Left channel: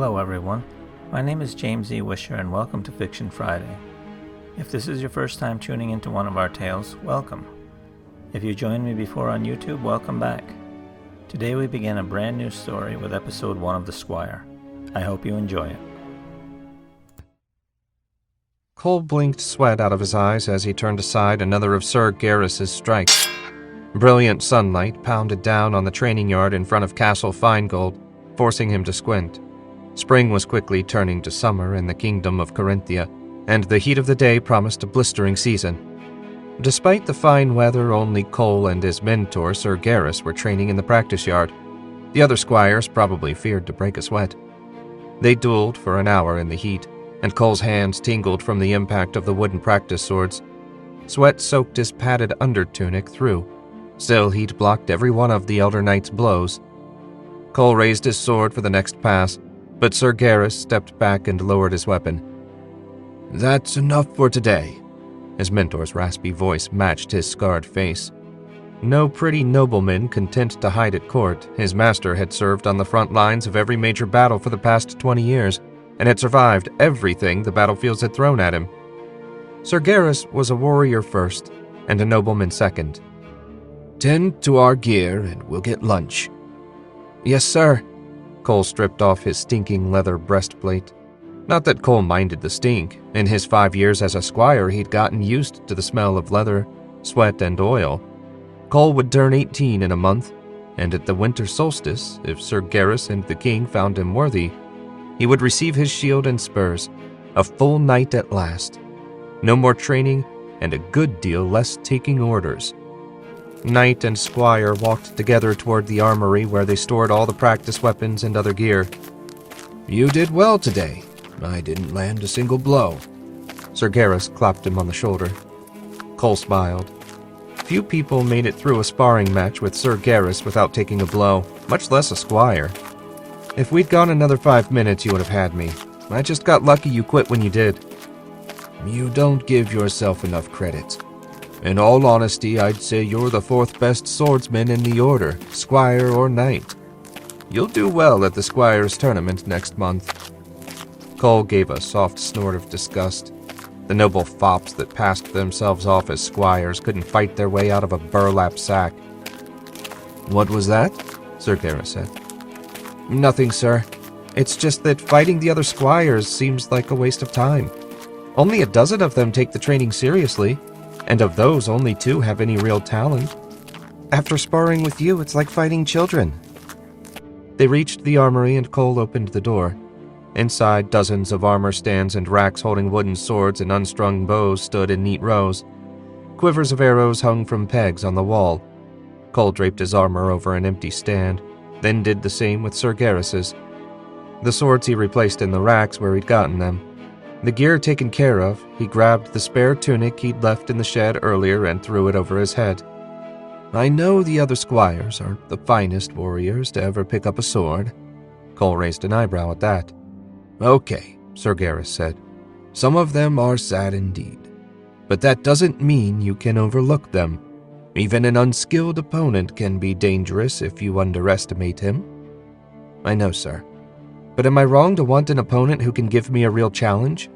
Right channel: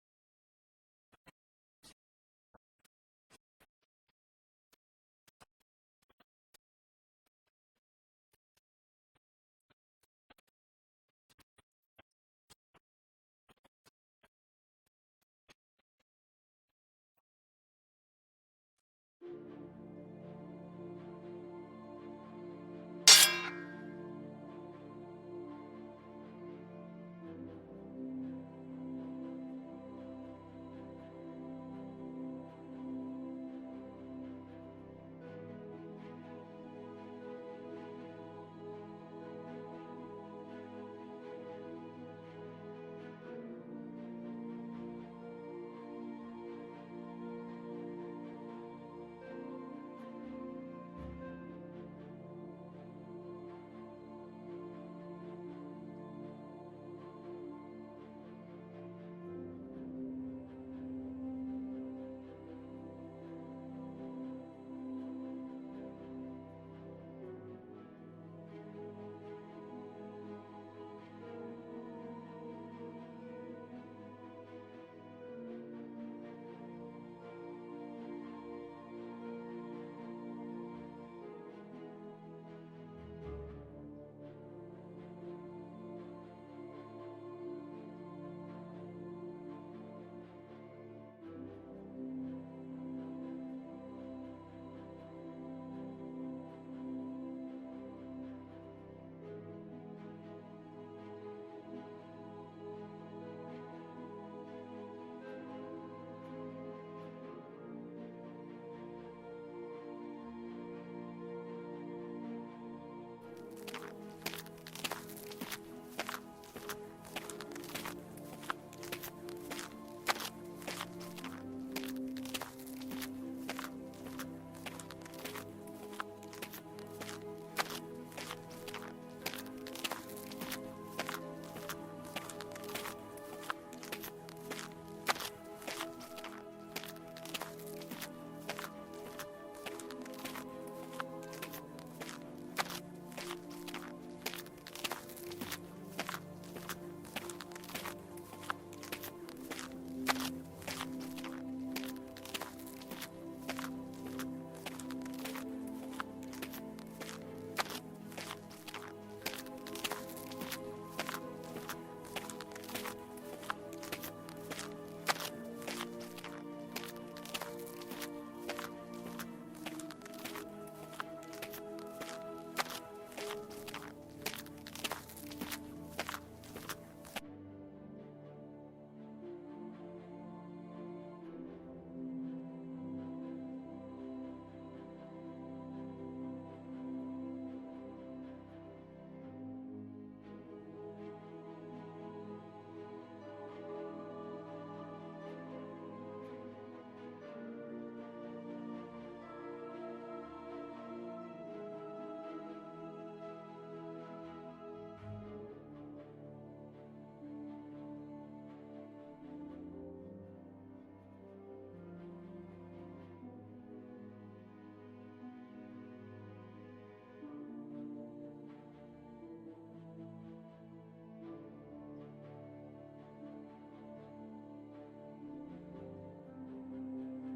Hello everyone, my name is James E. Wisher and welcome to Fiction Friday. If this is your first time tuning into one of our tales, welcome. If you joined me before on YouTube, welcome back. Today we begin a brand new story with episode 1 of The Squire. I hope you enjoy it. Cole blinked sweat out of his eyes as he turned aside another of Sir Garrus's strikes. Brilliant sunlight pounded down on the training yard in front of Castle Finegold, forcing him to squint. Spring was quickly turning to summer in the kingdom of Corinthia, and the heat of the day promised a blistering season. Despite the fine weather, only Cole and his mentor, Sir Garrus, were training in the practice yard. The other squires probably feared to break a sweat. They dueled for an hour in the heat, and Cole's hands tingled from the impact of the wooden practice swords. Sweat soaked his padded undertunic through. Still, he'd blocked every one of the Elder Knight's blows. Cole raised his sword for the next pass, but Sir Garrus stepped back and lowered his weapon. "That's enough for today." His mentor's raspy voice matched his scarred face. No pretty nobleman content to hide at court, his master had served on the front lines of every major battle for the past 20 years, and had survived everything the battlefields had thrown at him. Sir Garrus was a warrior first, and a nobleman second. "Tend to our gear, and we'll get lunch." "Yes, sir." Cole stripped off his stinking leather breastplate. Not that Cole minded the stink. In his 5 years as a squire, he'd gotten used to the smell of leather, sweat, and oil. Cole would turn 18 in a month, and at the winter solstice, if Sir Garrus and the king found him worthy, he would receive his shield and spurs, a full knight at last. No more training, and a good deal less taking orders. Knight and squire walked together toward the armory where they stored all the practice weapons and other gear. "You did well today. I didn't land a single blow." Sir Garrus clapped him on the shoulder. Cole smiled. Few people made it through a sparring match with Sir Garrus without taking a blow, much less a squire. "If we'd gone another 5 minutes, you would have had me. I just got lucky you quit when you did." "You don't give yourself enough credit. In all honesty, I'd say you're the 4th best swordsman in the order, squire or knight. You'll do well at the squire's tournament next month." Cole gave a soft snort of disgust. The noble fops that passed themselves off as squires couldn't fight their way out of a burlap sack. "What was that?" Sir Garrus said. "Nothing, sir. It's just that fighting the other squires seems like a waste of time. Only a dozen of them take the training seriously, and of those, only 2 have any real talent. After sparring with you, it's like fighting children." They reached the armory and Cole opened the door. Inside, dozens of armor stands and racks holding wooden swords and unstrung bows stood in neat rows. Quivers of arrows hung from pegs on the wall. Cole draped his armor over an empty stand, then did the same with Sir Garrus's. The swords he replaced in the racks where he'd gotten them. The gear taken care of, he grabbed the spare tunic he'd left in the shed earlier and threw it over his head. "I know the other squires aren't the finest warriors to ever pick up a sword." Cole raised an eyebrow at that. "Okay," Sir Garrus said. "Some of them are sad indeed. But that doesn't mean you can overlook them. Even an unskilled opponent can be dangerous if you underestimate him." "I know, sir. But am I wrong to want an opponent who can give me a real challenge?"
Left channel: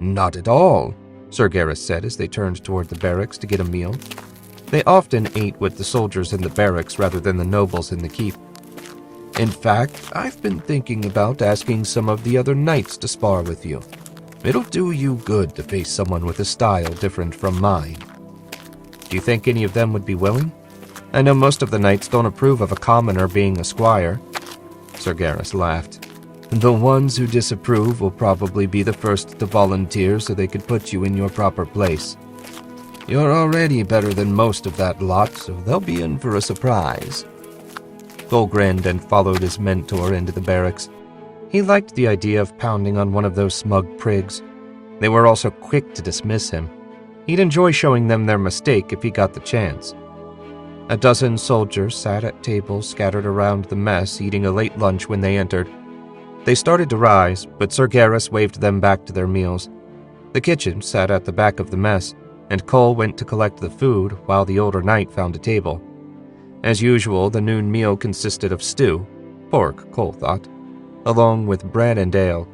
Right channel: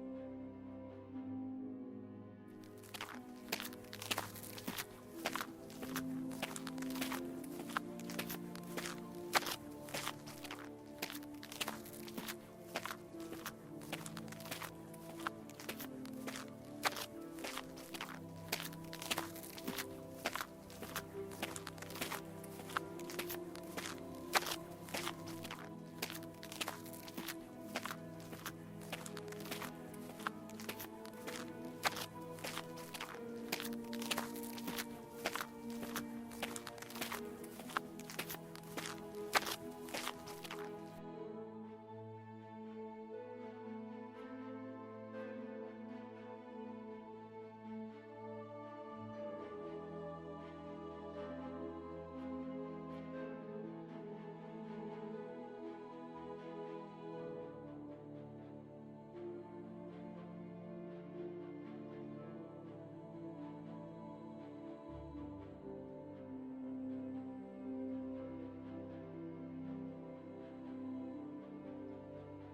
"Not at all," Sir Garrus said as they turned toward the barracks to get a meal. They often ate with the soldiers in the barracks rather than the nobles in the keep. "In fact, I've been thinking about asking some of the other knights to spar with you. It'll do you good to face someone with a style different from mine." "Do you think any of them would be willing? I know most of the knights don't approve of a commoner being a squire." Sir Garrus laughed. "The ones who disapprove will probably be the first to volunteer so they could put you in your proper place. You're already better than most of that lot, so they'll be in for a surprise." Cole grinned and followed his mentor into the barracks. He liked the idea of pounding on one of those smug prigs. They were also quick to dismiss him. He'd enjoy showing them their mistake if he got the chance. A dozen soldiers sat at tables scattered around the mess, eating a late lunch when they entered. They started to rise, but Sir Garrus waved them back to their meals. The kitchen sat at the back of the mess, and Cole went to collect the food while the older knight found a table. As usual, the noon meal consisted of stew, pork, Cole thought. along with bread and ale.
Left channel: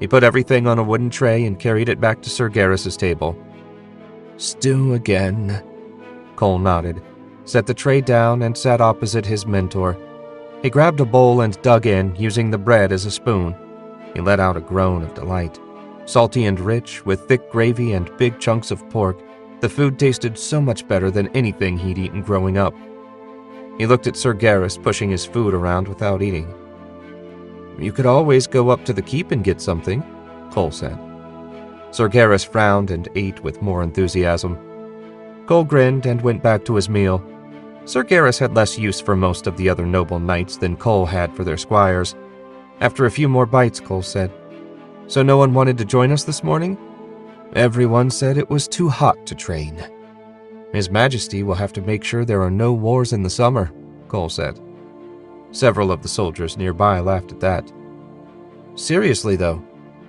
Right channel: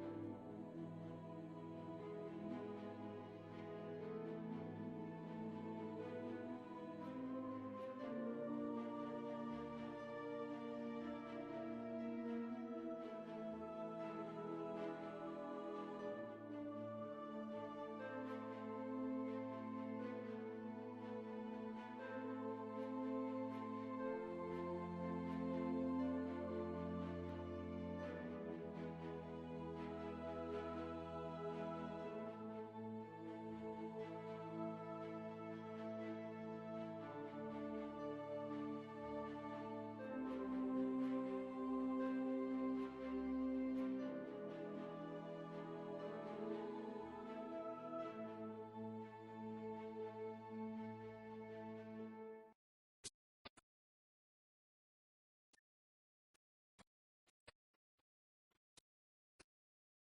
He put everything on a wooden tray and carried it back to Sir Garrus's table. "Stew again?" Cole nodded, set the tray down, and sat opposite his mentor. He grabbed a bowl and dug in, using the bread as a spoon. He let out a groan of delight. Salty and rich, with thick gravy and big chunks of pork, the food tasted so much better than anything he'd eaten growing up. He looked at Sir Garrus pushing his food around without eating. "You could always go up to the keep and get something," Cole said. Sir Garrus frowned and ate with more enthusiasm. Cole grinned and went back to his meal. Sir Garrus had less use for most of the other noble knights than Cole had for their squires. After a few more bites, Cole said, "So no one wanted to join us this morning?" "Everyone said it was too hot to train." "His Majesty will have to make sure there are no wars in the summer," Cole said. Several of the soldiers nearby laughed at that. "Seriously, though,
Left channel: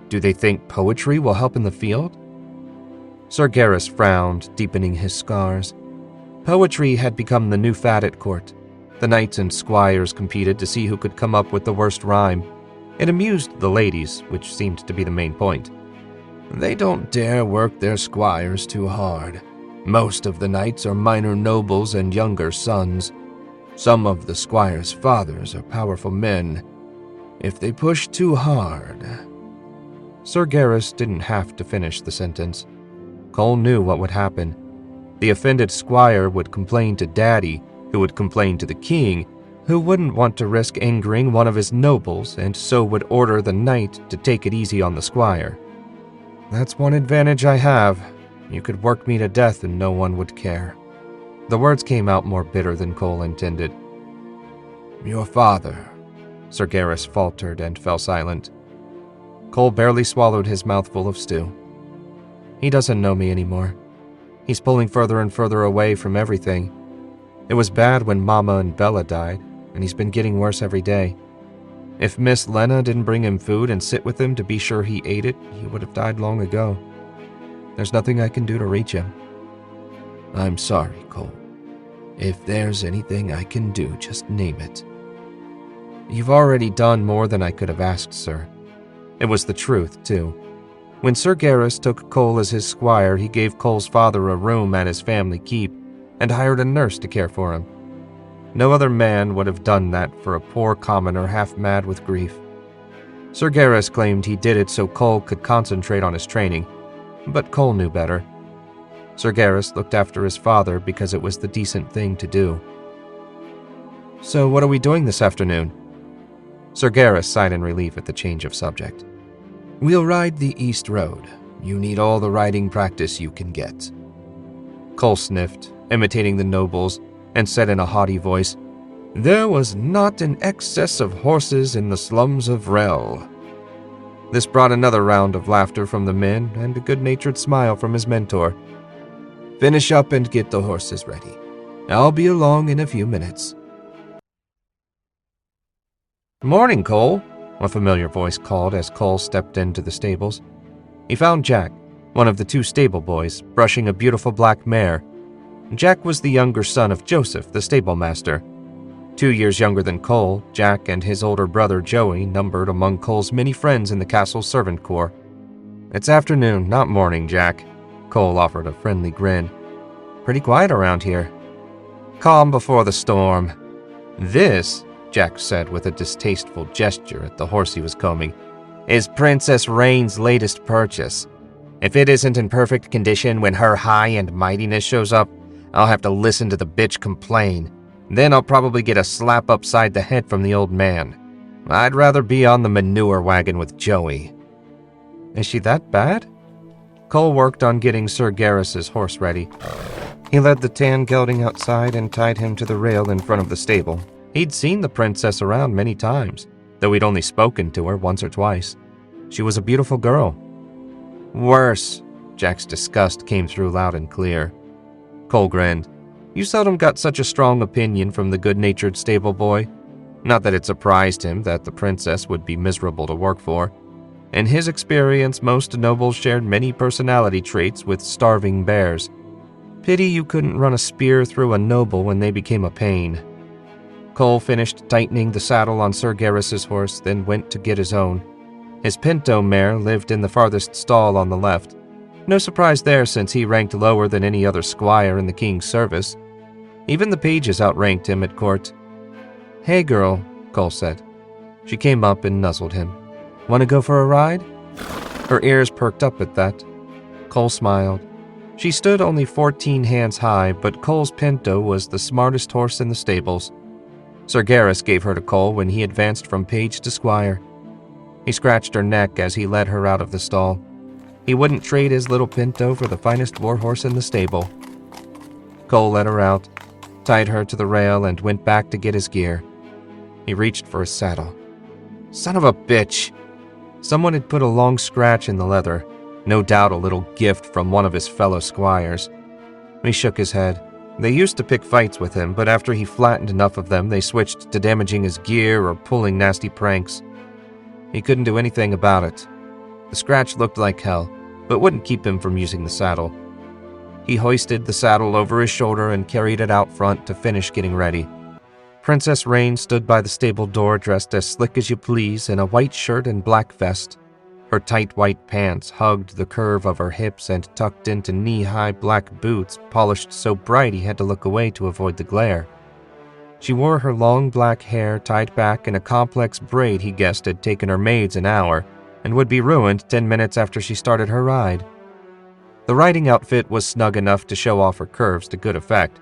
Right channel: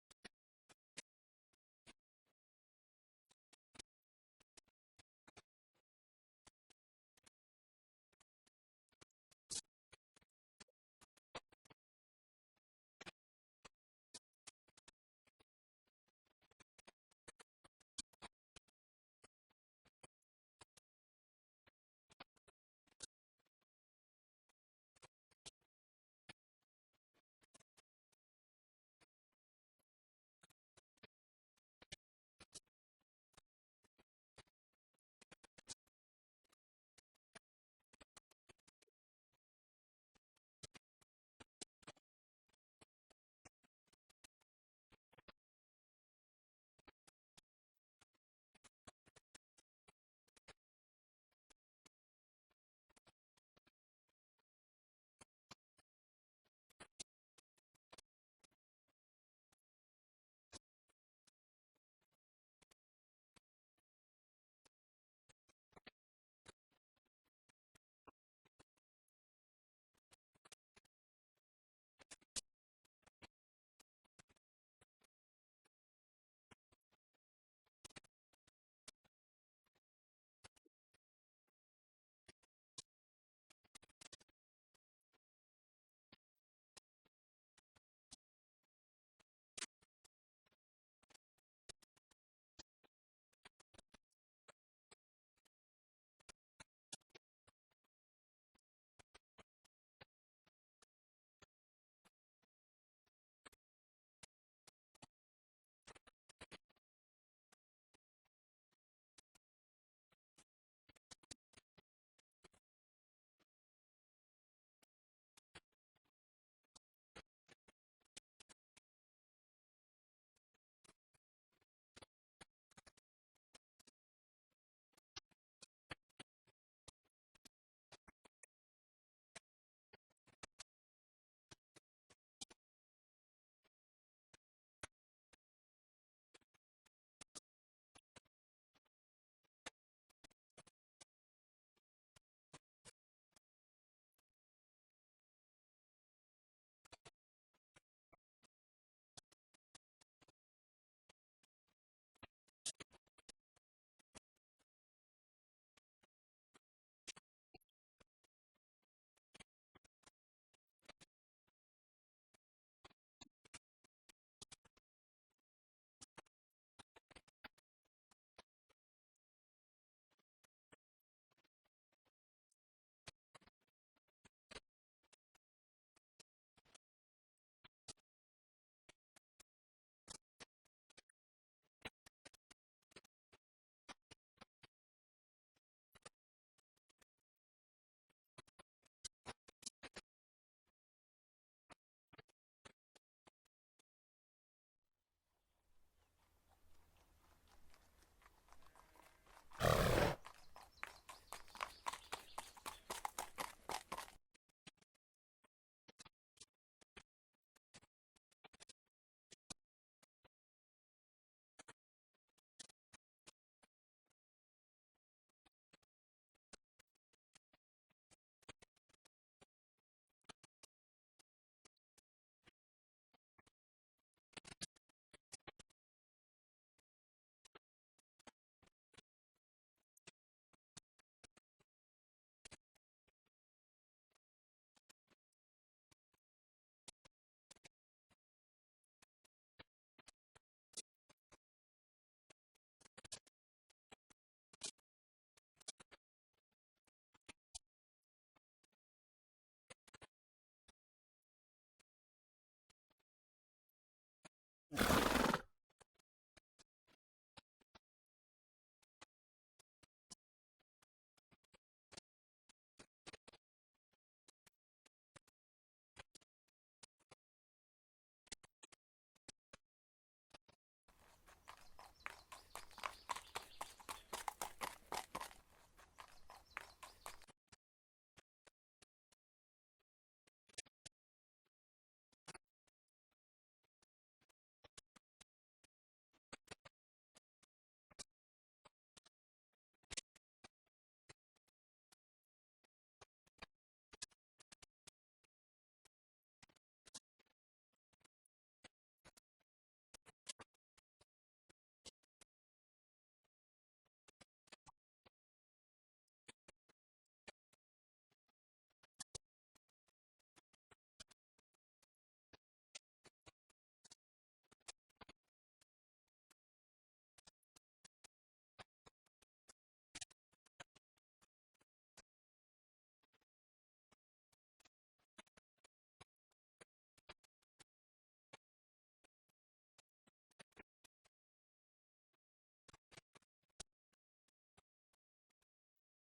do they think poetry will help in the field?" Sir Garrus frowned, deepening his scars. Poetry had become the new fad at court. The knights and squires competed to see who could come up with the worst rhyme. It amused the ladies, which seemed to be the main point. "They don't dare work their squires too hard. Most of the knights are minor nobles and younger sons. Some of the squires' fathers are powerful men. If they push too hard..." Sir Garrus didn't have to finish the sentence. Cole knew what would happen. The offended squire would complain to Daddy, who would complain to the king, who wouldn't want to risk angering one of his nobles, and so would order the knight to take it easy on the squire. "That's one advantage I have. You could work me to death and no one would care." The words came out more bitter than Cole intended. "Your father," Sir Garrus faltered and fell silent. Cole barely swallowed his mouthful of stew. "He doesn't know me anymore. He's pulling further and further away from everything. It was bad when Mama and Bella died, and he's been getting worse every day. If Miss Lena didn't bring him food and sit with him to be sure he ate it, he would have died long ago. There's nothing I can do to reach him." "I'm sorry, Cole. If there's anything I can do, just name it." "You've already done more than I could have asked, sir." It was the truth, too. When Sir Garrus took Cole as his squire, he gave Cole's father a room at his family keep and hired a nurse to care for him. No other man would have done that for a poor commoner half mad with grief. Sir Garrus claimed he did it so Cole could concentrate on his training, but Cole knew better. Sir Garrus looked after his father because it was the decent thing to do. "So what are we doing this afternoon?" Sir Garrus sighed in relief at the change of subject. "We'll ride the East Road. You need all the riding practice you can get." Cole sniffed, imitating the nobles, and said in a haughty voice, "There was not an excess of horses in the slums of Rel." This brought another round of laughter from the men and a good-natured smile from his mentor. "Finish up and get the horses ready. I'll be along in a few minutes." "Morning, Cole," a familiar voice called as Cole stepped into the stables. He found Jack, one of the two stable boys, brushing a beautiful black mare. Jack was the younger son of Joseph, the stable master. 2 years younger than Cole, Jack and his older brother Joey numbered among Cole's many friends in the castle's servant corps. "It's afternoon, not morning, Jack." Cole offered a friendly grin. "Pretty quiet around here." "Calm before the storm." "This," Jack said with a distasteful gesture at the horse he was combing, "is Princess Rain's latest purchase. If it isn't in perfect condition when her high and mightiness shows up, I'll have to listen to the bitch complain. Then I'll probably get a slap upside the head from the old man. I'd rather be on the manure wagon with Joey." "Is she that bad?" Cole worked on getting Sir Garrus's horse ready. He led the tan gelding outside and tied him to the rail in front of the stable. He'd seen the princess around many times, though he'd only spoken to her once or twice. She was a beautiful girl. "Worse." Jack's disgust came through loud and clear. Cole grinned. You seldom got such a strong opinion from the good-natured stable boy. Not that it surprised him that the princess would be miserable to work for. In his experience, most nobles shared many personality traits with starving bears. Pity you couldn't run a spear through a noble when they became a pain. Cole finished tightening the saddle on Sir Garrus's horse, then went to get his own. His pinto mare lived in the farthest stall on the left. No surprise there, since he ranked lower than any other squire in the king's service. Even the pages outranked him at court. "Hey, girl," Cole said. She came up and nuzzled him. "Want to go for a ride?" Her ears perked up at that. Cole smiled. She stood only 14 hands high, but Cole's pinto was the smartest horse in the stables. Sir Garrus gave her to Cole when he advanced from page to squire. He scratched her neck as he led her out of the stall. He wouldn't trade his little pinto for the finest warhorse in the stable. Cole let her out, tied her to the rail, and went back to get his gear. He reached for his saddle. Son of a bitch! Someone had put a long scratch in the leather, no doubt a little gift from one of his fellow squires. He shook his head. They used to pick fights with him, but after he flattened enough of them, they switched to damaging his gear or pulling nasty pranks. He couldn't do anything about it. The scratch looked like hell, but wouldn't keep him from using the saddle. He hoisted the saddle over his shoulder and carried it out front to finish getting ready. Princess Rain stood by the stable door dressed as slick as you please in a white shirt and black vest. Her tight white pants hugged the curve of her hips and tucked into knee-high black boots polished so bright he had to look away to avoid the glare. She wore her long black hair tied back in a complex braid he guessed had taken her maids an hour and would be ruined 10 minutes after she started her ride. The riding outfit was snug enough to show off her curves to good effect,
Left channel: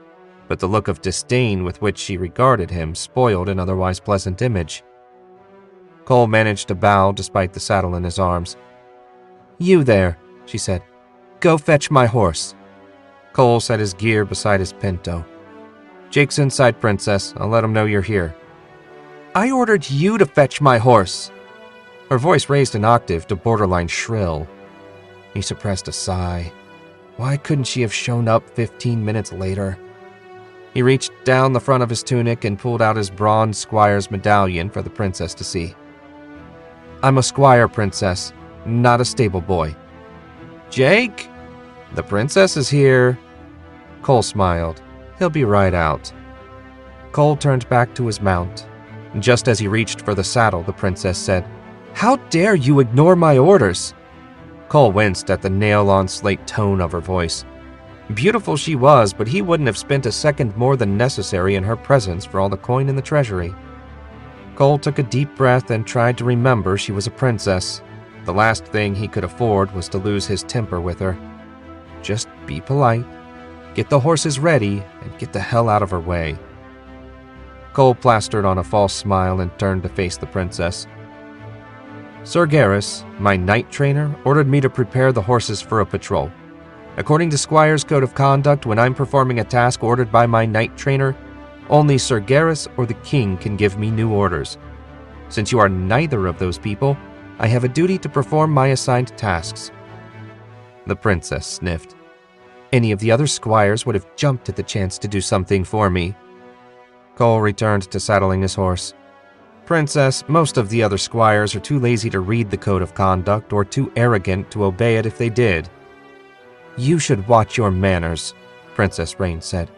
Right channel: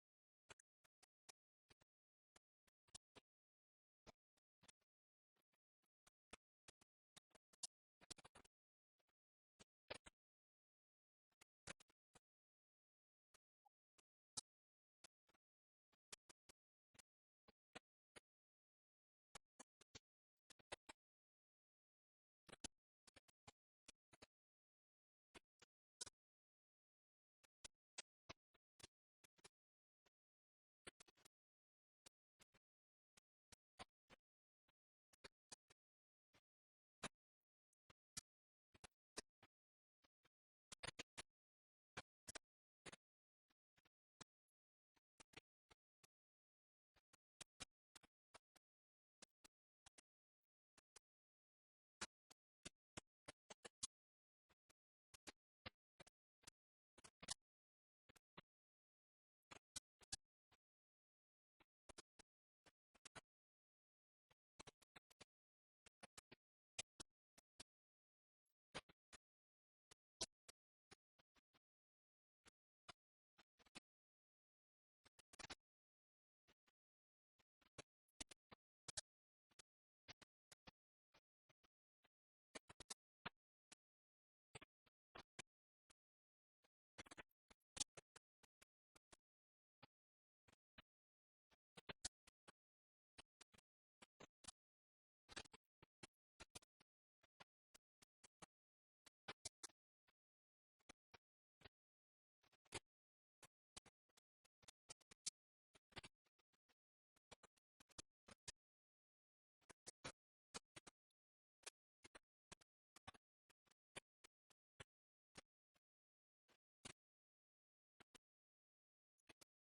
but the look of disdain with which she regarded him spoiled an otherwise pleasant image. Cole managed to bow despite the saddle in his arms. "You there," she said. "Go fetch my horse." Cole set his gear beside his pinto. "Jake's inside, Princess. I'll let him know you're here." "I ordered you to fetch my horse." Her voice raised an octave to borderline shrill. He suppressed a sigh. Why couldn't she have shown up 15 minutes later? He reached down the front of his tunic and pulled out his bronze squire's medallion for the princess to see. "I'm a squire, Princess, not a stable boy." "Jake? The princess is here." Cole smiled. "He'll be right out." Cole turned back to his mount. Just as he reached for the saddle, the princess said, "How dare you ignore my orders?" Cole winced at the nail-on-slate tone of her voice. Beautiful she was, but he wouldn't have spent a second more than necessary in her presence for all the coin in the treasury. Cole took a deep breath and tried to remember she was a princess. The last thing he could afford was to lose his temper with her. Just be polite, get the horses ready, and get the hell out of her way. Cole plastered on a false smile and turned to face the princess. "Sir Garrus, my knight trainer, ordered me to prepare the horses for a patrol. According to Squire's code of conduct, when I'm performing a task ordered by my knight trainer, only Sir Garrus or the king can give me new orders. Since you are neither of those people, I have a duty to perform my assigned tasks." The princess sniffed. "Any of the other squires would have jumped at the chance to do something for me." Cole returned to saddling his horse. "Princess, most of the other squires are too lazy to read the code of conduct or too arrogant to obey it if they did." "You should watch your manners," Princess Rain said.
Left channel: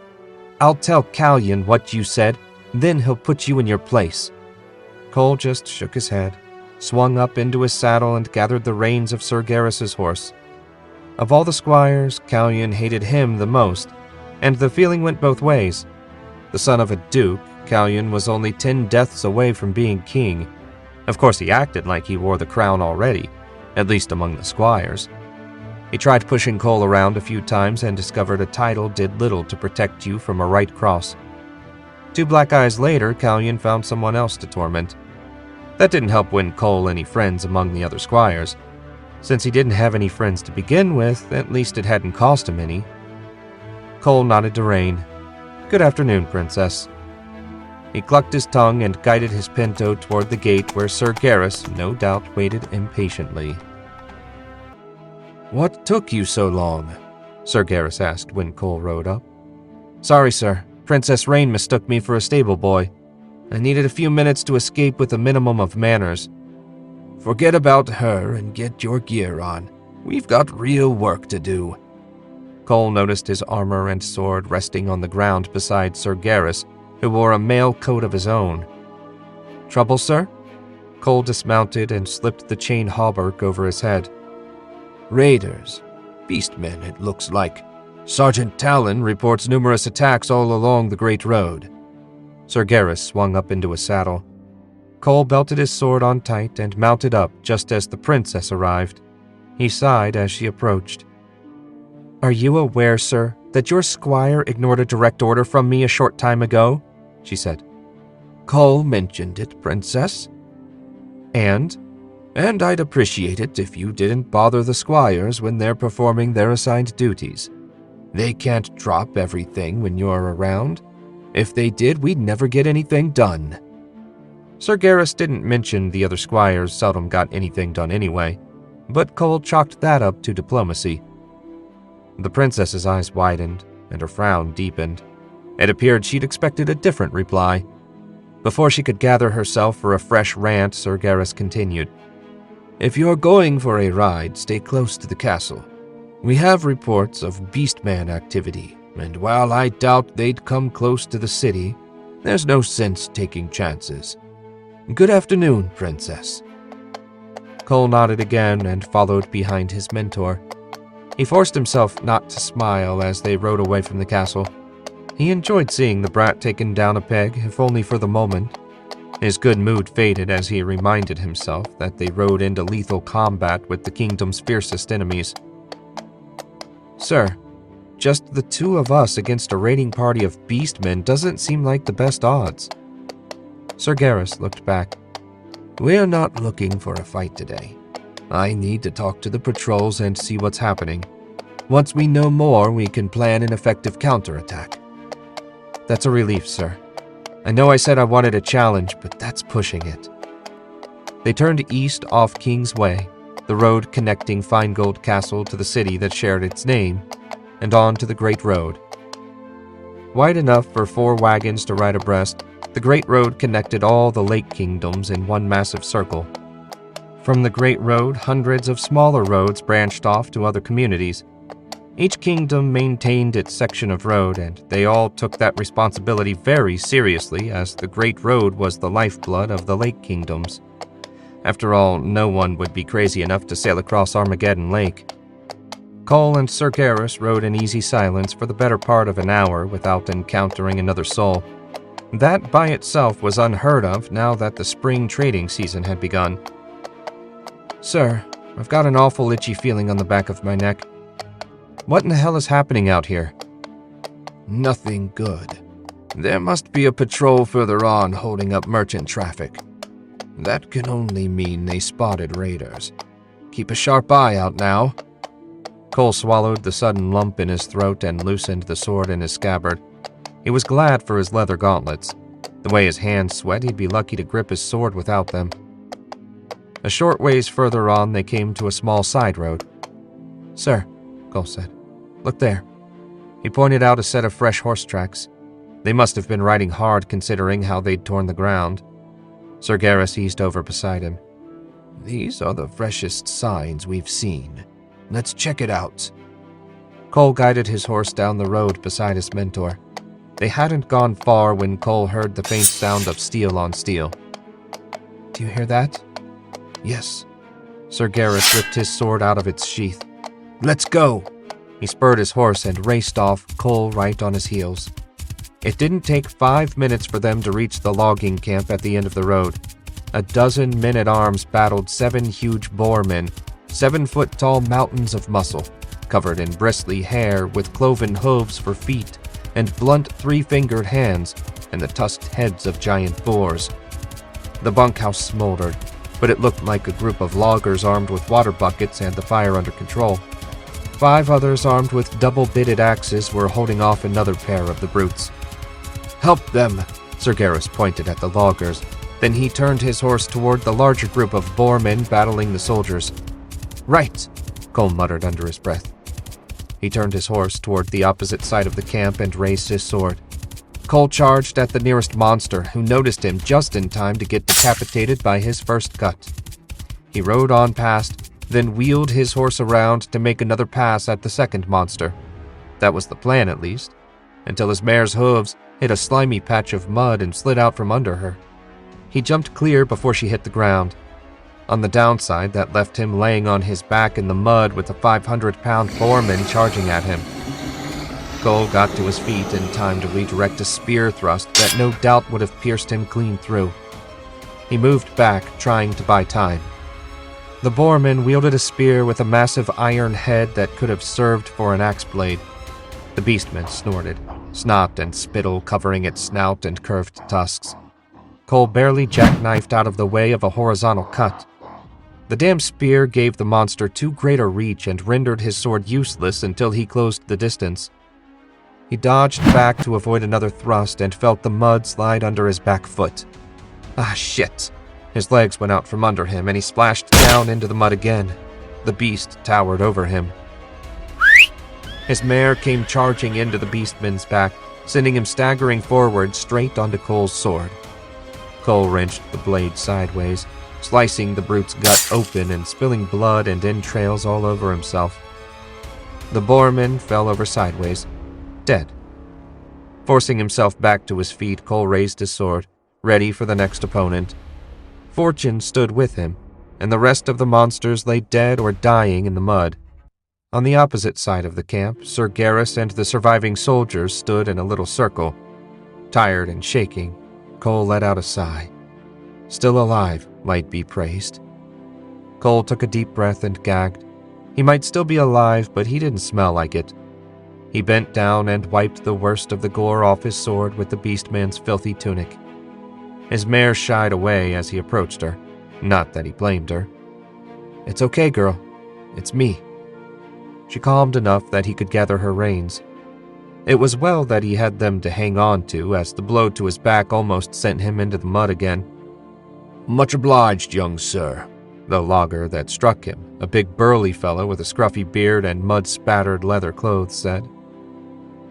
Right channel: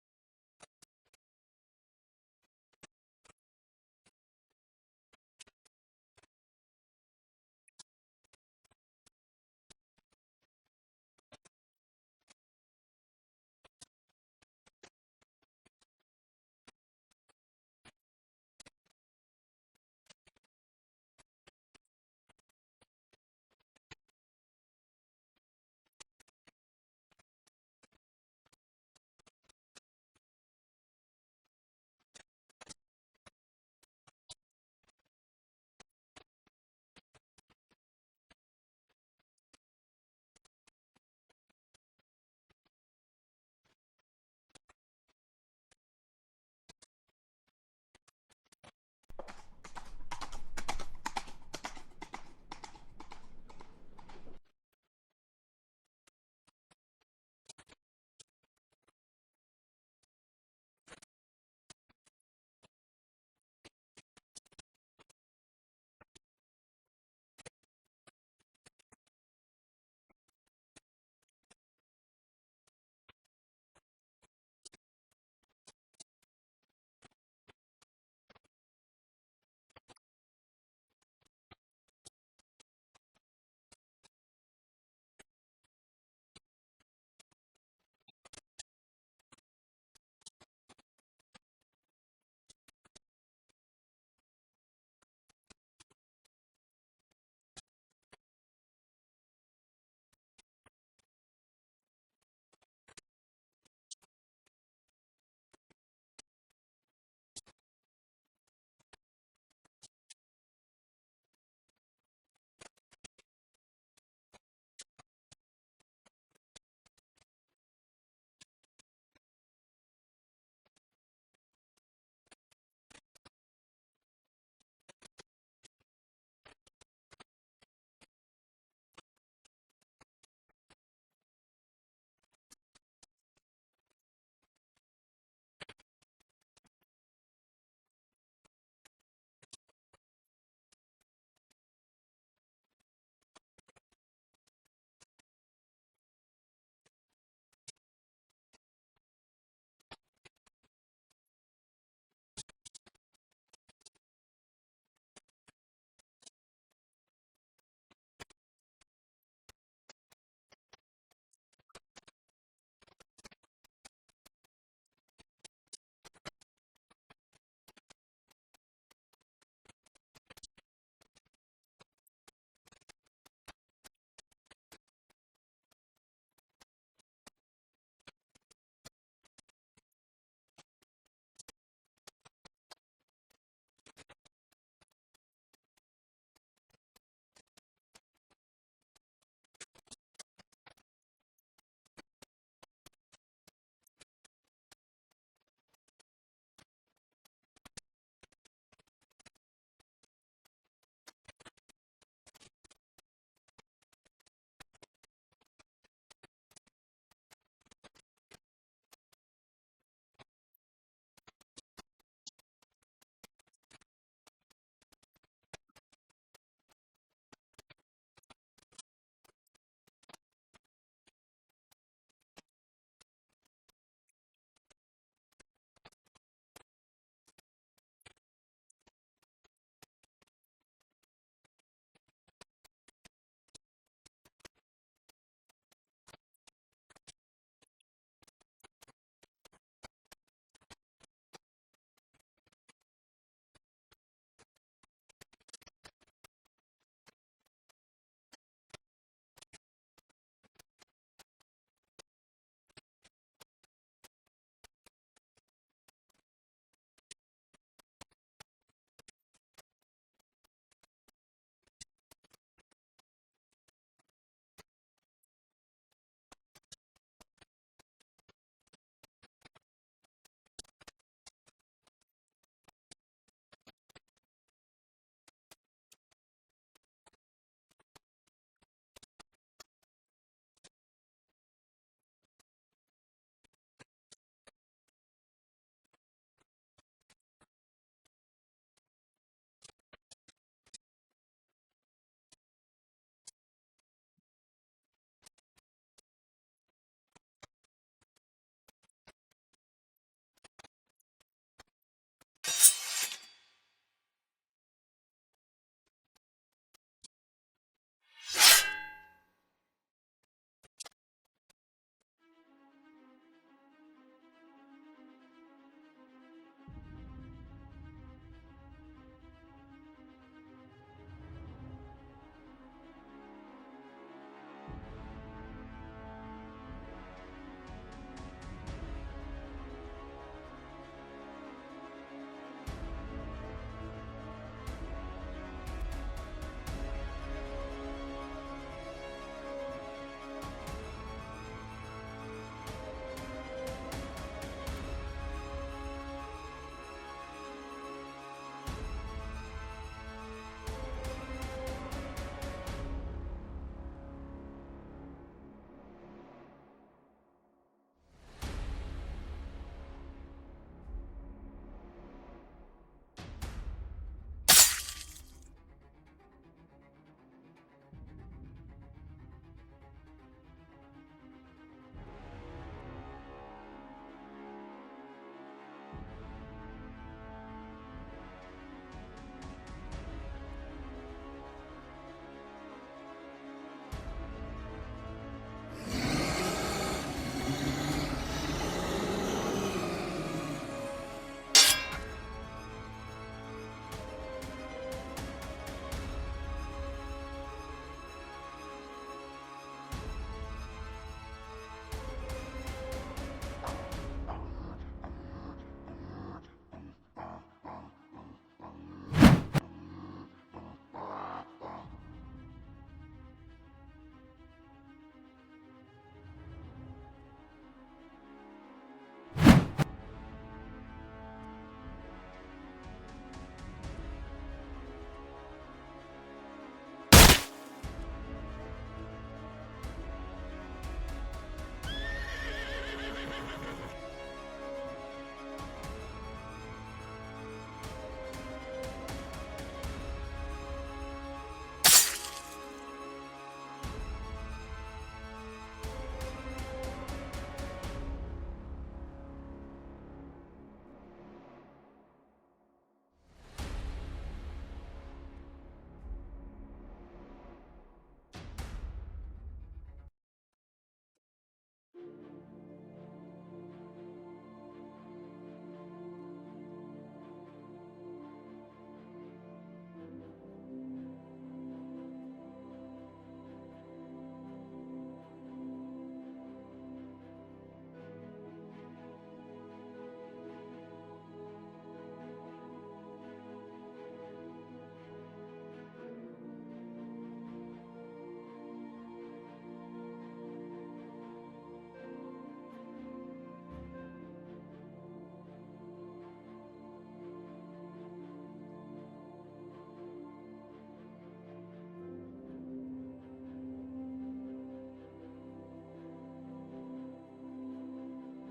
"I'll tell Callion what you said, then he'll put you in your place." Cole just shook his head, swung up into his saddle, and gathered the reins of Sir Garrus's horse. Of all the squires, Callion hated him the most, and the feeling went both ways. The son of a duke, Callion was only 10 deaths away from being king. Of course, he acted like he wore the crown already, at least among the squires. He tried pushing Cole around a few times and discovered a title did little to protect you from a right cross. 2 black eyes later, Callion found someone else to torment. That didn't help win Cole any friends among the other squires. Since he didn't have any friends to begin with, at least it hadn't cost him any. Cole nodded to Rain. "Good afternoon, Princess." He clucked his tongue and guided his pinto toward the gate where Sir Garrus, no doubt, waited impatiently. "What took you so long?" Sir Garrus asked when Cole rode up. "Sorry, sir. Princess Rain mistook me for a stable boy. I needed a few minutes to escape with a minimum of manners." "Forget about her and get your gear on. We've got real work to do." Cole noticed his armor and sword resting on the ground beside Sir Garrus who wore a mail coat of his own. "Trouble, sir?" Cole dismounted and slipped the chain hauberk over his head. "Raiders. Beastmen, it looks like. Sergeant Talon reports numerous attacks all along the Great Road." Sir Garrus swung up into his saddle. Cole belted his sword on tight and mounted up just as the princess arrived. He sighed as she approached. "Are you aware, sir, that your squire ignored a direct order from me a short time ago?" she said. "Cole mentioned it, Princess." And I'd appreciate it if you didn't bother the squires when they're performing their assigned duties. They can't drop everything when you're around. If they did, we'd never get anything done." Sir Garrus didn't mention the other squires seldom got anything done anyway, but Cole chalked that up to diplomacy. The princess's eyes widened, and her frown deepened. It appeared she'd expected a different reply. Before she could gather herself for a fresh rant, Sir Garrus continued. "If you're going for a ride, stay close to the castle. We have reports of beastman activity, and while I doubt they'd come close to the city, there's no sense taking chances. Good afternoon, Princess." Cole nodded again and followed behind his mentor. He forced himself not to smile as they rode away from the castle. He enjoyed seeing the brat taken down a peg, if only for the moment. His good mood faded as he reminded himself that they rode into lethal combat with the kingdom's fiercest enemies. "Sir, just the two of us against a raiding party of beastmen doesn't seem like the best odds." Sir Garrus looked back. "We're not looking for a fight today. I need to talk to the patrols and see what's happening. Once we know more, we can plan an effective counterattack." "That's a relief, sir. I know I said I wanted a challenge, but that's pushing it." They turned east off King's Way, the road connecting Finegold Castle to the city that shared its name, and on to the Great Road. Wide enough for 4 wagons to ride abreast, the Great Road connected all the Lake Kingdoms in one massive circle. From the Great Road, hundreds of smaller roads branched off to other communities. Each kingdom maintained its section of road, and they all took that responsibility very seriously, as the Great Road was the lifeblood of the Lake Kingdoms. After all, no one would be crazy enough to sail across Armageddon Lake. Cole and Sir Garrus rode in easy silence for the better part of an hour without encountering another soul. That by itself was unheard of now that the spring trading season had begun. "Sir, I've got an awful itchy feeling on the back of my neck. What in the hell is happening out here?" "Nothing good. There must be a patrol further on holding up merchant traffic. That can only mean they spotted raiders. Keep a sharp eye out now." Cole swallowed the sudden lump in his throat and loosened the sword in his scabbard. He was glad for his leather gauntlets. The way his hands sweat, he'd be lucky to grip his sword without them. A short ways further on, they came to a small side road. "Sir," Cole said, "look there." He pointed out a set of fresh horse tracks. They must have been riding hard considering how they'd torn the ground. Sir Garrus eased over beside him. "These are the freshest signs we've seen. Let's check it out." Cole guided his horse down the road beside his mentor. They hadn't gone far when Cole heard the faint sound of steel on steel. "Do you hear that?" "Yes." Sir Garrus ripped his sword out of its sheath. "Let's go." He spurred his horse and raced off, Cole right on his heels. It didn't take 5 minutes for them to reach the logging camp at the end of the road. A dozen men-at-arms battled 7 huge boarmen, 7-foot-tall mountains of muscle, covered in bristly hair with cloven hooves for feet, and blunt 3-fingered hands, and the tusked heads of giant boars. The bunkhouse smoldered, but it looked like a group of loggers armed with water buckets had the fire under control. 5 others armed with double-bitted axes were holding off another pair of the brutes. "Help them," Sir Garrus pointed at the loggers. Then he turned his horse toward the larger group of boarmen battling the soldiers. "Right," Cole muttered under his breath. He turned his horse toward the opposite side of the camp and raised his sword. Cole charged at the nearest monster, who noticed him just in time to get decapitated by his first cut. He rode on past, then wheeled his horse around to make another pass at the second monster. That was the plan, at least, until his mare's hooves hit a slimy patch of mud, and slid out from under her. He jumped clear before she hit the ground. On the downside, that left him laying on his back in the mud with a 500-pound boarman charging at him. Cole got to his feet in time to redirect a spear thrust that no doubt would have pierced him clean through. He moved back, trying to buy time. The boarman wielded a spear with a massive iron head that could have served for an axe blade. The beastman snorted, snot and spittle covering its snout and curved tusks. Cole barely jackknifed out of the way of a horizontal cut. The damn spear gave the monster too great a reach and rendered his sword useless until he closed the distance. He dodged back to avoid another thrust and felt the mud slide under his back foot. Ah, shit. His legs went out from under him and he splashed down into the mud again. The beast towered over him. His mare came charging into the beastman's back, sending him staggering forward straight onto Cole's sword. Cole wrenched the blade sideways, slicing the brute's gut open and spilling blood and entrails all over himself. The boarman fell over sideways, dead. Forcing himself back to his feet, Cole raised his sword, ready for the next opponent. Fortune stood with him, and the rest of the monsters lay dead or dying in the mud. On the opposite side of the camp, Sir Garrus and the surviving soldiers stood in a little circle. Tired and shaking, Cole let out a sigh. Still alive, might be praised. Cole took a deep breath and gagged. He might still be alive, but he didn't smell like it. He bent down and wiped the worst of the gore off his sword with the beastman's filthy tunic. His mare shied away as he approached her. Not that he blamed her. "It's okay, girl. It's me." She calmed enough that he could gather her reins. It was well that he had them to hang on to, as the blow to his back almost sent him into the mud again. "Much obliged, young sir," the logger that struck him, a big burly fellow with a scruffy beard and mud-spattered leather clothes, said.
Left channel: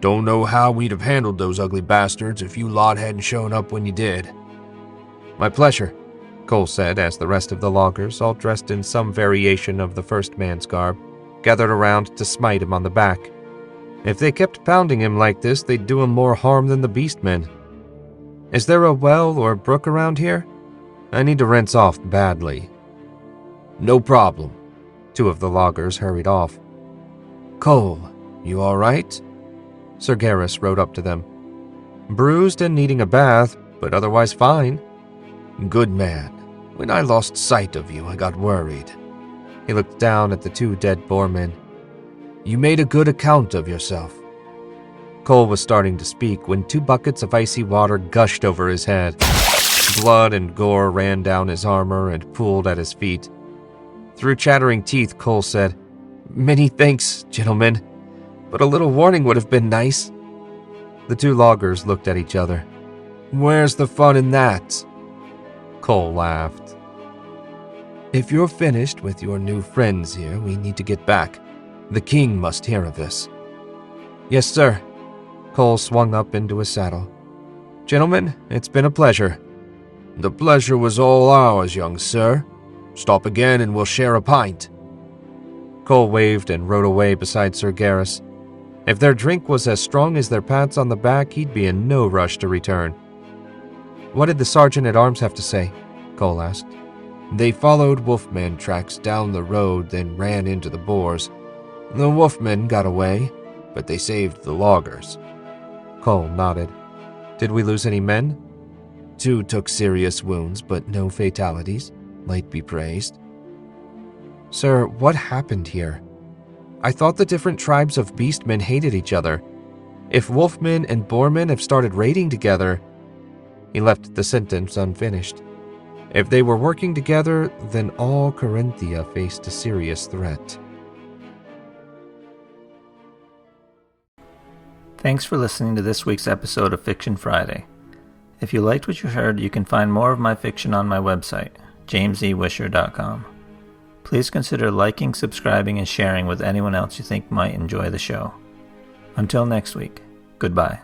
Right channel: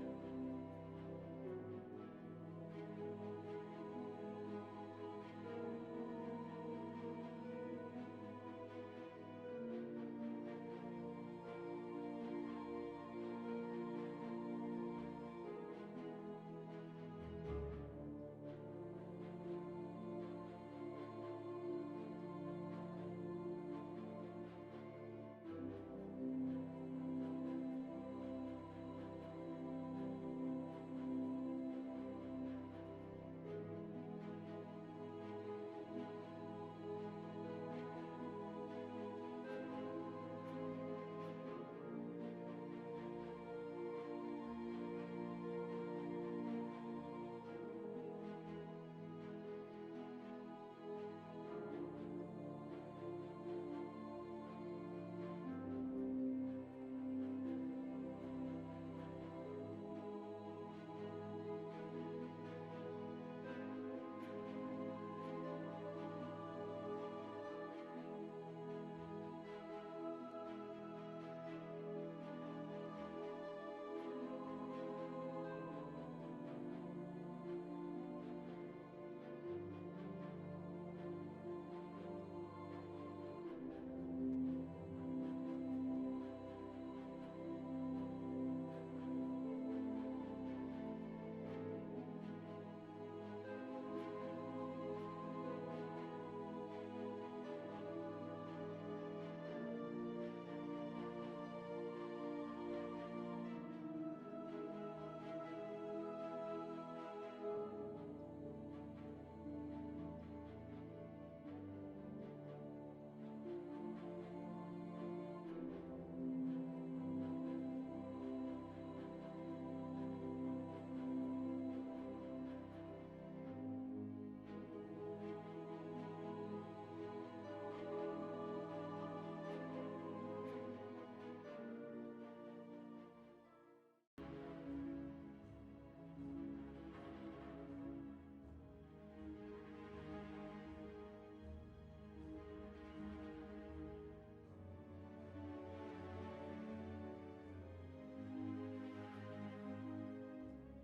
"Don't know how we'd have handled those ugly bastards if you lot hadn't shown up when you did." "My pleasure," Cole said as the rest of the loggers, all dressed in some variation of the first man's garb, gathered around to smite him on the back. If they kept pounding him like this, they'd do him more harm than the beastmen. "Is there a well or brook around here? I need to rinse off badly." "No problem." Two of the loggers hurried off. "Cole, you all right?" Sir Garrus rode up to them. "Bruised and needing a bath, but otherwise fine." "Good man. When I lost sight of you, I got worried." He looked down at the two dead boarmen. "You made a good account of yourself." Cole was starting to speak when 2 buckets of icy water gushed over his head. Blood and gore ran down his armor and pooled at his feet. Through chattering teeth, Cole said, "Many thanks, gentlemen, but a little warning would have been nice." The 2 loggers looked at each other. "Where's the fun in that?" Cole laughed. "If you're finished with your new friends here, we need to get back. The king must hear of this." "Yes, sir." Cole swung up into his saddle. "Gentlemen, it's been a pleasure." "The pleasure was all ours, young sir. Stop again and we'll share a pint." Cole waved and rode away beside Sir Garrus. If their drink was as strong as their pats on the back, he'd be in no rush to return. "What did the sergeant-at-arms have to say?" Cole asked. "They followed Wolfman tracks down the road, then ran into the boars. The Wolfmen got away, but they saved the loggers." Cole nodded. "Did we lose any men?" 2 took serious wounds, but no fatalities. Might be praised." "Sir, what happened here? I thought the different tribes of beastmen hated each other. If wolfmen and boarmen have started raiding together..." He left the sentence unfinished. If they were working together, then all Corinthia faced a serious threat. Thanks for listening to this week's episode of Fiction Friday. If you liked what you heard, you can find more of my fiction on my website, jamesewisher.com. Please consider liking, subscribing, and sharing with anyone else you think might enjoy the show. Until next week, goodbye.